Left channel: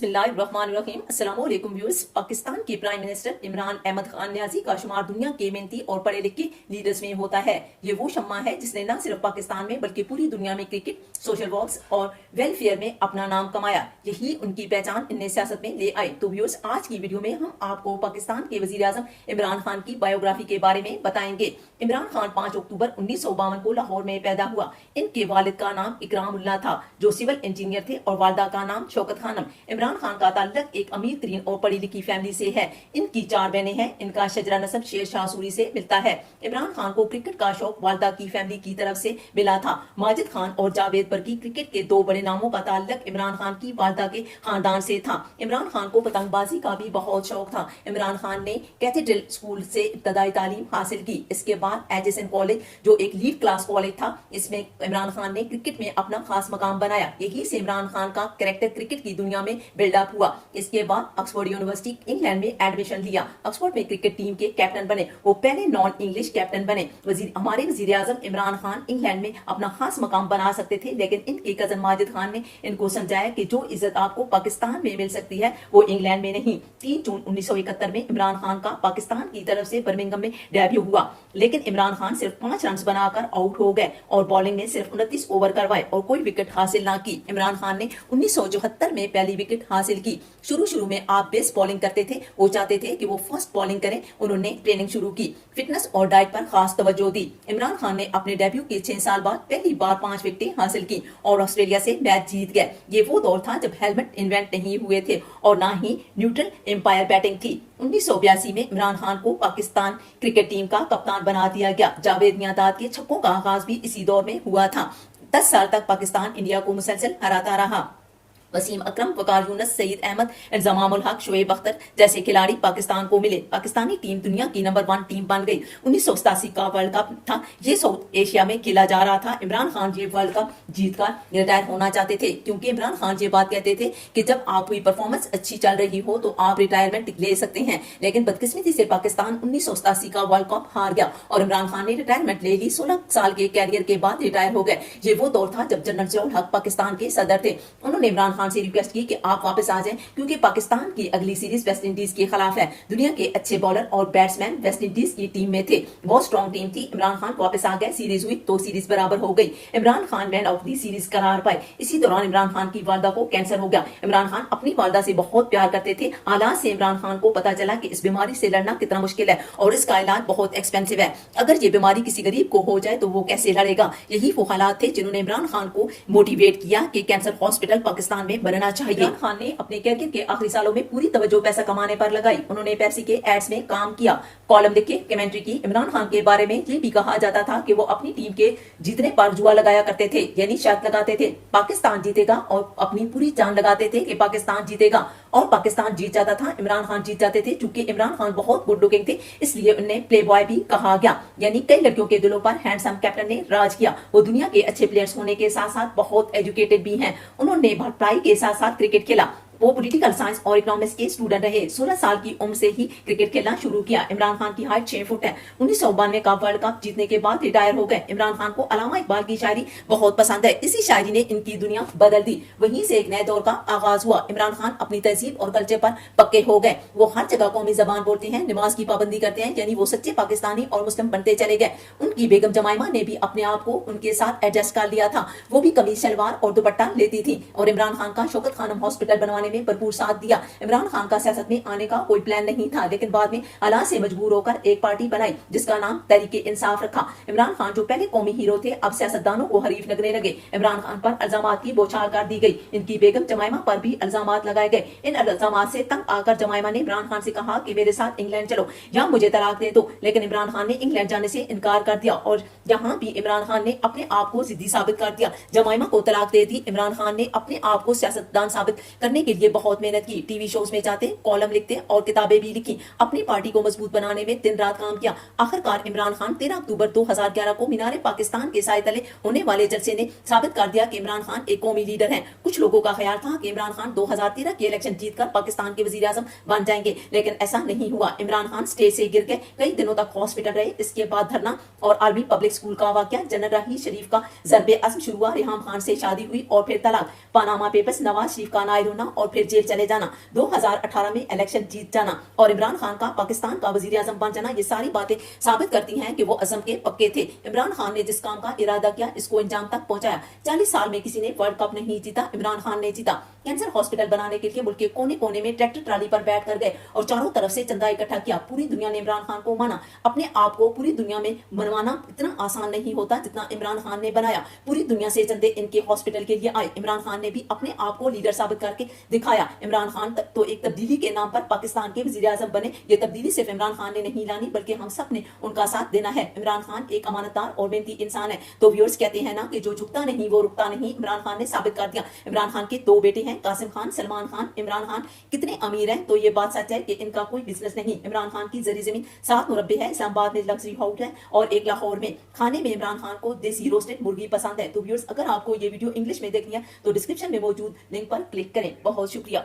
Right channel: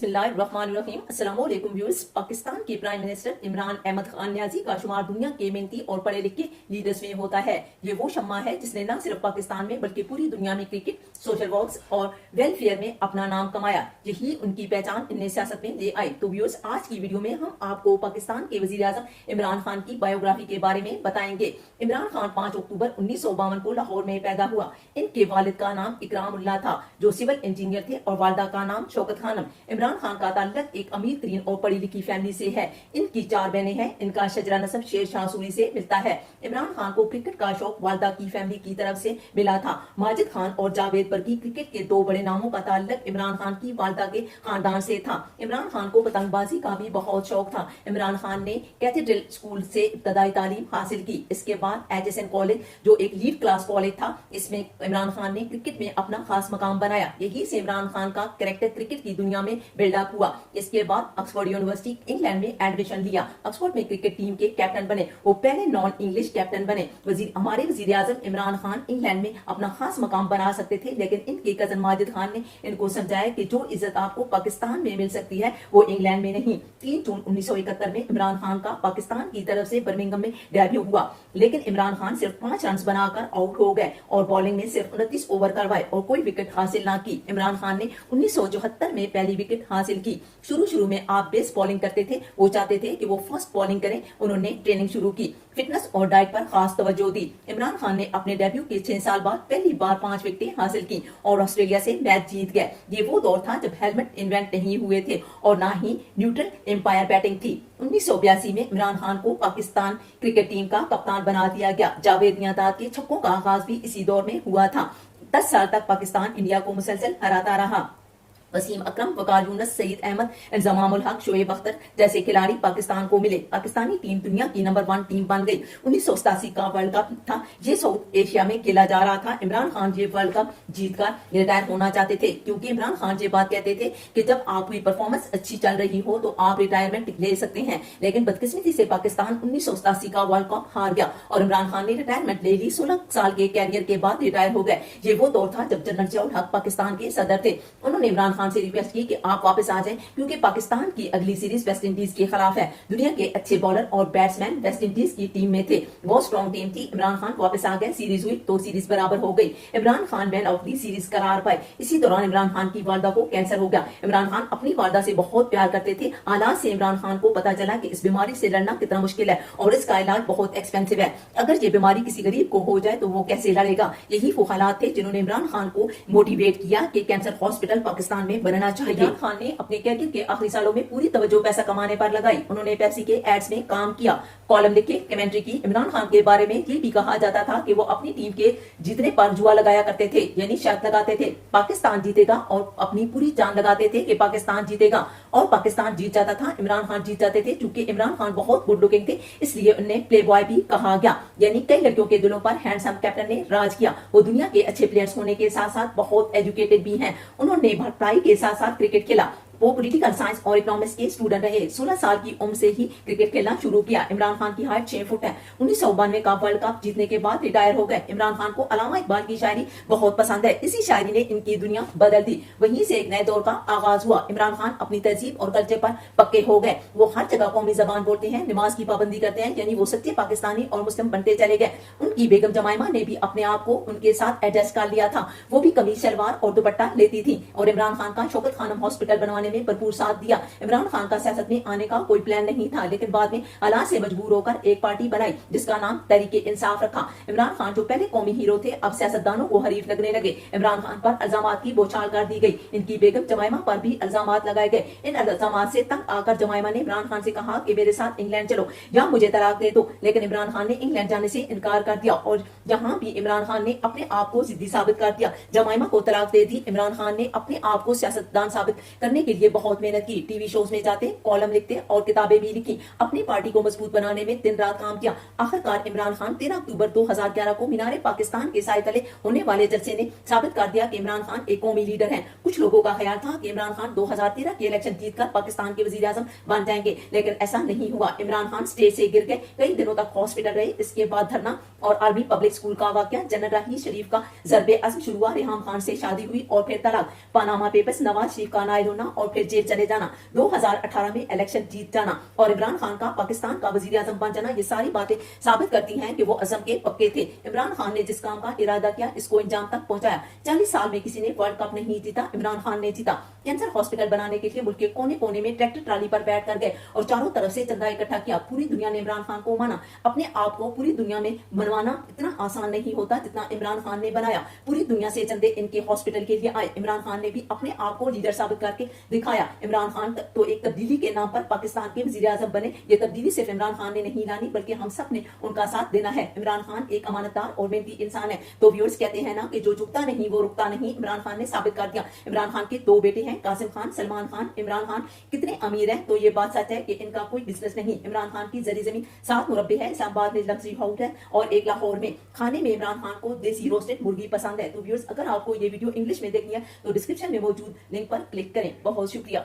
बिस्मिल्लाहिर्रहमानिर्रहीम। अस्सलाम वालेकुम व्यूअर्स। पाकिस्तान के प्राइम मिनिस्टर इमरान अहमद खान न्याजी का शुमार दुनिया के मेहनती और पढ़े लिखे लीडर्स में होता है। ये वो शम्मा है जिसने न सिर्फ पाकिस्तान में बल्कि पूरी दुनिया में क्रिकेट, सोशल वर्क्स और वेलफेयर में अपना नाम कमाया। यही उनकी पहचान इन्हें सियासत में ले आई। तो व्यूअर्स, आज की वीडियो में हम आपको पाकिस्तान के वजीर आजम इमरान खान की बायोग्राफी के बारे में बताएंगे। इमरान खान 5 अक्टूबर 1952 को लाहौर में पैदा हुआ। इनके वालिद का नाम इकरामुल्लाह था जो सिविल इंजीनियर थे और वालदा का नाम शौकत खानम। इमरान खान का ताल्लुक एक अमीर तरीन और पढ़ी लिखी फैमिली से है। इनकी 4 बहनें हैं। इनका शजरा नसब शेर शाह सूरी से मिलता है। इमरान खान को क्रिकेट का शौक वालदा की फैमिली की तरफ से मिला था। माजिद खान और जावेद बर्की क्रिकेट के 2 बड़े नामों का ताल्लुक इमरान खान की वालदा के खानदान से था। इमरान खान को पतंगबाजी का भी बहुत शौक था। इमरान खान ने कैथेड्रल स्कूल से इब्तदाई तालीम हासिल की। इसके बाद एचएसएन कॉलेज, जो एक लीड क्लास कॉलेज था, इसमें इमरान खान ने क्रिकेट में अपना खास मकाम बनाया। यही से इमरान खान का कैरेक्टर क्रिकेट की दुनिया में बिल्डअप हुआ। इसके बाद ऑक्सफोर्ड यूनिवर्सिटी इंग्लैंड में एडमिशन लिया। ऑक्सफोर्ड में क्रिकेट टीम के कैप्टन बने। वो पहले नॉन इंग्लिश कैप्टन बने। हमारे वजीर आजम इमरान खान इंग्लैंड में अपना खास मकाम बना सकते थे, लेकिन इनके कजन माजिद खान ने इनको समझाया कि जो इज्जत आपको पाकिस्तान में मिल सकती है वो इंग्लैंड में नहीं। 3 जून 1971 में इमरान खान का पाकिस्तान की तरफ से बर्मिंघम में डेब्यू हुआ, लेकिन इमरान खान सिर्फ 5 रन बनाकर आउट हो गए और बॉलिंग में सिर्फ 29 ओवर करवाए और कोई विकेट हासिल ना की। इमरान खान ने 1974 में पहली विकेट हासिल की। शुरू में आप बेस्ट बॉलिंग करते थे, वो चाहते थे कि वो फर्स्ट बॉलिंग करें। उन्होंने ट्रेनिंग शुरू की, फिटनेस और डाइट पर खास तवज्जो दी। इमरान खान ने अपने डेब्यू के 6 साल बाद पहली बार 5 विकेटें हासिल की और ऑस्ट्रेलिया से मैच जीत गए। ये वो दौर था जब हेलमेट इन्वेंट नहीं हुए थे और ना ही न्यूट्रल एम्पायर बैटिंग थी। 1982 में इमरान खान को पाकिस्तान क्रिकेट टीम का कप्तान बना दिया गया। जावेद मियांदाद के छक्कों का आगाज भी इसी दौर में हुआ था। 10 साल तक पाकिस्तान इंडिया को मुसलसल हराता रहा। वसीम अकरम, वकार यूनुस, सईद अहमद, इंजमामुल हक, शोएब अख्तर जैसे खिलाड़ी पाकिस्तान को मिले। पाकिस्तानी टीम दुनिया की नंबर 1 टीम बन गई। 1987 का वर्ल्ड कप था। ये साउथ एशिया में खेला जा रहा था। इमरान खान ये वर्ल्ड कप जीतकर रिटायर होना चाहते थे, क्योंकि इमरान खान ये बात कहते थे कि जब आपकी परफॉर्मेंस अच्छी चल रही हो तो आप रिटायरमेंट ले सकते हैं। लेकिन बदकिस्मती से पाकिस्तान 1987 का वर्ल्ड कप हार गया और इमरान खान ने रिटायरमेंट ले ली। 16 साल के कैरियर के बाद रिटायर हो गए। ये वो दौर था जब जनरल जियाउल हक पाकिस्तान के सदर थे। उन्होंने इमरान खान से रिक्वेस्ट की कि आप वापस आ जाएं, क्योंकि पाकिस्तान की अगली सीरीज वेस्ट इंडीज के खिलाफ है। दुनिया के अच्छे बॉलर और बैट्समैन वेस्ट इंडीज की टीम में थे। बहुत स्ट्रॉन्ग टीम थी। इमरान खान वापस आ गए। सीरीज हुई तो सीरीज बराबर हो गई। Imran Khan man of the series करार पाए। इसी दौरान इमरान खान की वालदा को कैंसर हो गया। इमरान खान अपनी वालदा से बहुत प्यार करते थे। हालात से इमरान खान को पता चला कि इस बीमारी से लड़ना कितना मुश्किल है और इसका इलाज बहुत एक्सपेंसिव है। अगर ये बीमारी किसी गरीब को हो जाए तो वो कैसे लड़ेगा। यही वो हालात थे जिन्होंने इमरान खान को मोटिवेट किया कि कैंसर हॉस्पिटल पाकिस्तान में बनना चाहिए। इमरान खान ने अपने कैरियर के आखिरी सालों में पूरी तवज्जो पैसा कमाने पर लगाई। उन्होंने पेप्सी के एड्स में काम किया, कॉलम लिखे, कमेंट्री की। इमरान खान के बारे में ये भी कहा जाता था कि वो अपनी टीम के जीतने पर जुआ लगाया करते थे, यानी शर्त लगाते थे पाकिस्तान जीतेगा और अपनी पूरी जान लगाते थे कि पाकिस्तान जीतेगा, और पाकिस्तान जीत जाता था। इमरान खान जीत जाते थे। चूंकि इमरान खान बहुत गुड लुकिंग थे, इसलिए उन्हें प्ले बॉय भी कहा गया, यानी कई लड़कियों के दिलों पर हैंडसम कैप्टन ने राज किया। वो दुनिया के अच्छे प्लेयर्स होने के साथ साथ बहुत एजुकेटेड भी हैं। उन्होंने पढ़ाई के साथ साथ क्रिकेट खेला। वो पॉलिटिकल साइंस और इकोनॉमिक्स के स्टूडेंट रहे। 16 साल की उम्र से ही क्रिकेट खेलना शुरू किया। इमरान खान की हाइट 6 फुट है। 1992 का वर्ल्ड कप जीतने के बाद रिटायर हो गए। इमरान खान को अल्लामा इकबाल की शायरी बहुत पसंद है। इसी शायरी ने इनकी दुनिया बदल दी। वहीं से एक नए दौर का आगाज हुआ। इमरान खान अपनी तहजीब और कल्चर पर पक्के हो गए। वो हर जगह कौमी जबान बोलते हैं, नमाज की पाबंदी करते हैं, यानी वो सच्चे पाकिस्तानी और मुस्लिम बनते चले गए। उनकी बेगम जमाइमा ने भी अपने आप को उनके साथ एडजस्ट कर लिया था। वो भी कमीज शलवार और दुपट्टा लेती थी और इमरान खान का शौकत खानम हॉस्पिटल बनवाने में भरपूर साथ दिया। इमरान खान का सियासत में आने का कोई प्लान नहीं था, लेकिन बाद में हालात से मजबूर होकर एक पार्टी बनाई जिसका नाम तहरीके इंसाफ रखा। इमरान खान जो पहले कौमी हीरो थे, अब सियासतदानों को हरीफ लगने लगे। इमरान खान पर इल्जामात की बौछार कर दी गई। इनकी बेगम जमाइमा पर भी इल्जामात लगाए गए। इन इल्जामात से तंग आकर जमाइमा ने इमरान खान से कहा कि मेरे साथ इंग्लैंड चलो या मुझे तलाक दे दो, लेकिन इमरान खान ने इंग्लैंड जाने से इनकार कर दिया और यहाँ भी इमरान खान ने अपने आप को जिद्दी साबित कर दिया। जमाइमा को तलाक दे दी। इमरान खान ने अपने आप को सियासतदान साबित करने के लिए बहुत मेहनत की। टीवी शोज में जाते, कॉलम लिखते और किताबें भी लिखी। अपनी पार्टी को मजबूत बनाने में दिन रात काम किया। आखिरकार इमरान खान 13 अक्टूबर 2011 को मीनारे पाकिस्तान के साए तले होने वाले जलसे ने साबित कर दिया कि इमरान खान एक कौमी लीडर हैं। कुछ लोगों का ख्याल था कि इमरान खान 2013 के इलेक्शन जीतकर पाकिस्तान के वजीर आजम बन जाएंगे, लेकिन ऐसा नहीं हुआ। इमरान खान स्टेज से गिर गए, कई दिनों तक हॉस्पिटल रहे। इसके बाद धरना और आर्मी पब्लिक स्कूल का वाकया, जनरल राही शरीफ का ज़र्बे अज़्म शुरू हुआ, रेहाम खान से शादी हुई और फिर तलाक, पनामा पेपर्स, नवाज शरीफ का नायल होना और फिर जेल चले जाना, 2018 में इलेक्शन जीत जाना और इमरान खान का पाकिस्तान का वजीर आजम बन जाना, ये सारी बातें साबित करती हैं कि वो अज़म के पक्के थे। इमरान खान ने जिस काम का इरादा किया इसको अंजाम तक पहुंचाया। 40 साल में किसी ने वर्ल्ड कप नहीं जीता, इमरान खान ने जीता। कैंसर हॉस्पिटल बनाने के लिए मुल्क के कोने कोने में ट्रैक्टर ट्राली पर बैठ कर गए और चारों तरफ से चंदा इकट्ठा किया। पूरी दुनिया ने इमरान खान को माना। अपने आप को पूरी दुनिया में मनवाना इतना आसान नहीं होता जितना इमरान खान ने बनाया। पूरी दुनिया से चंदे इनके हॉस्पिटल के लिए आए। इमरान खान ने भी अपने आप को लीडर साबित करके दिखाया। इमरान खान तो एक तब्दीली के नाम पर पाकिस्तान के वजीर आजम बने। ये तब्दीली सिर्फ इमरान खान ने नहीं लानी बल्कि हम सब ने उनका साथ देना है। इमरान खान एक अमानतदार और मेहनती इंसान है। तो व्यूअर्स कहते हैं ना कि जो झुकता नहीं वो रुकता नहीं। इमरान खान ने साबित कर दिया। इमरान खान के 2 बेटे हैं, कासिम खान, सलमान खान। इमरान खान कितने अमीर हैं तो ये बात सच है कि इनका कोई बिजनेस नहीं। इमरान खान की जरी जमीन 7 मुरब्बे है, इस्लामाबाद में लग्जरी हाउस है और एक लाहौर में। खाने में इमरान खान को देसी रोस्टेड मुर्गी पसंद है। तो व्यूअर्स अगर आपको ये वीडियो इंग्लिश में देखनी है तो डिस्क्रिप्शन में मौजूद लिंक पर क्लिक करें। बहुत शुक्रिया।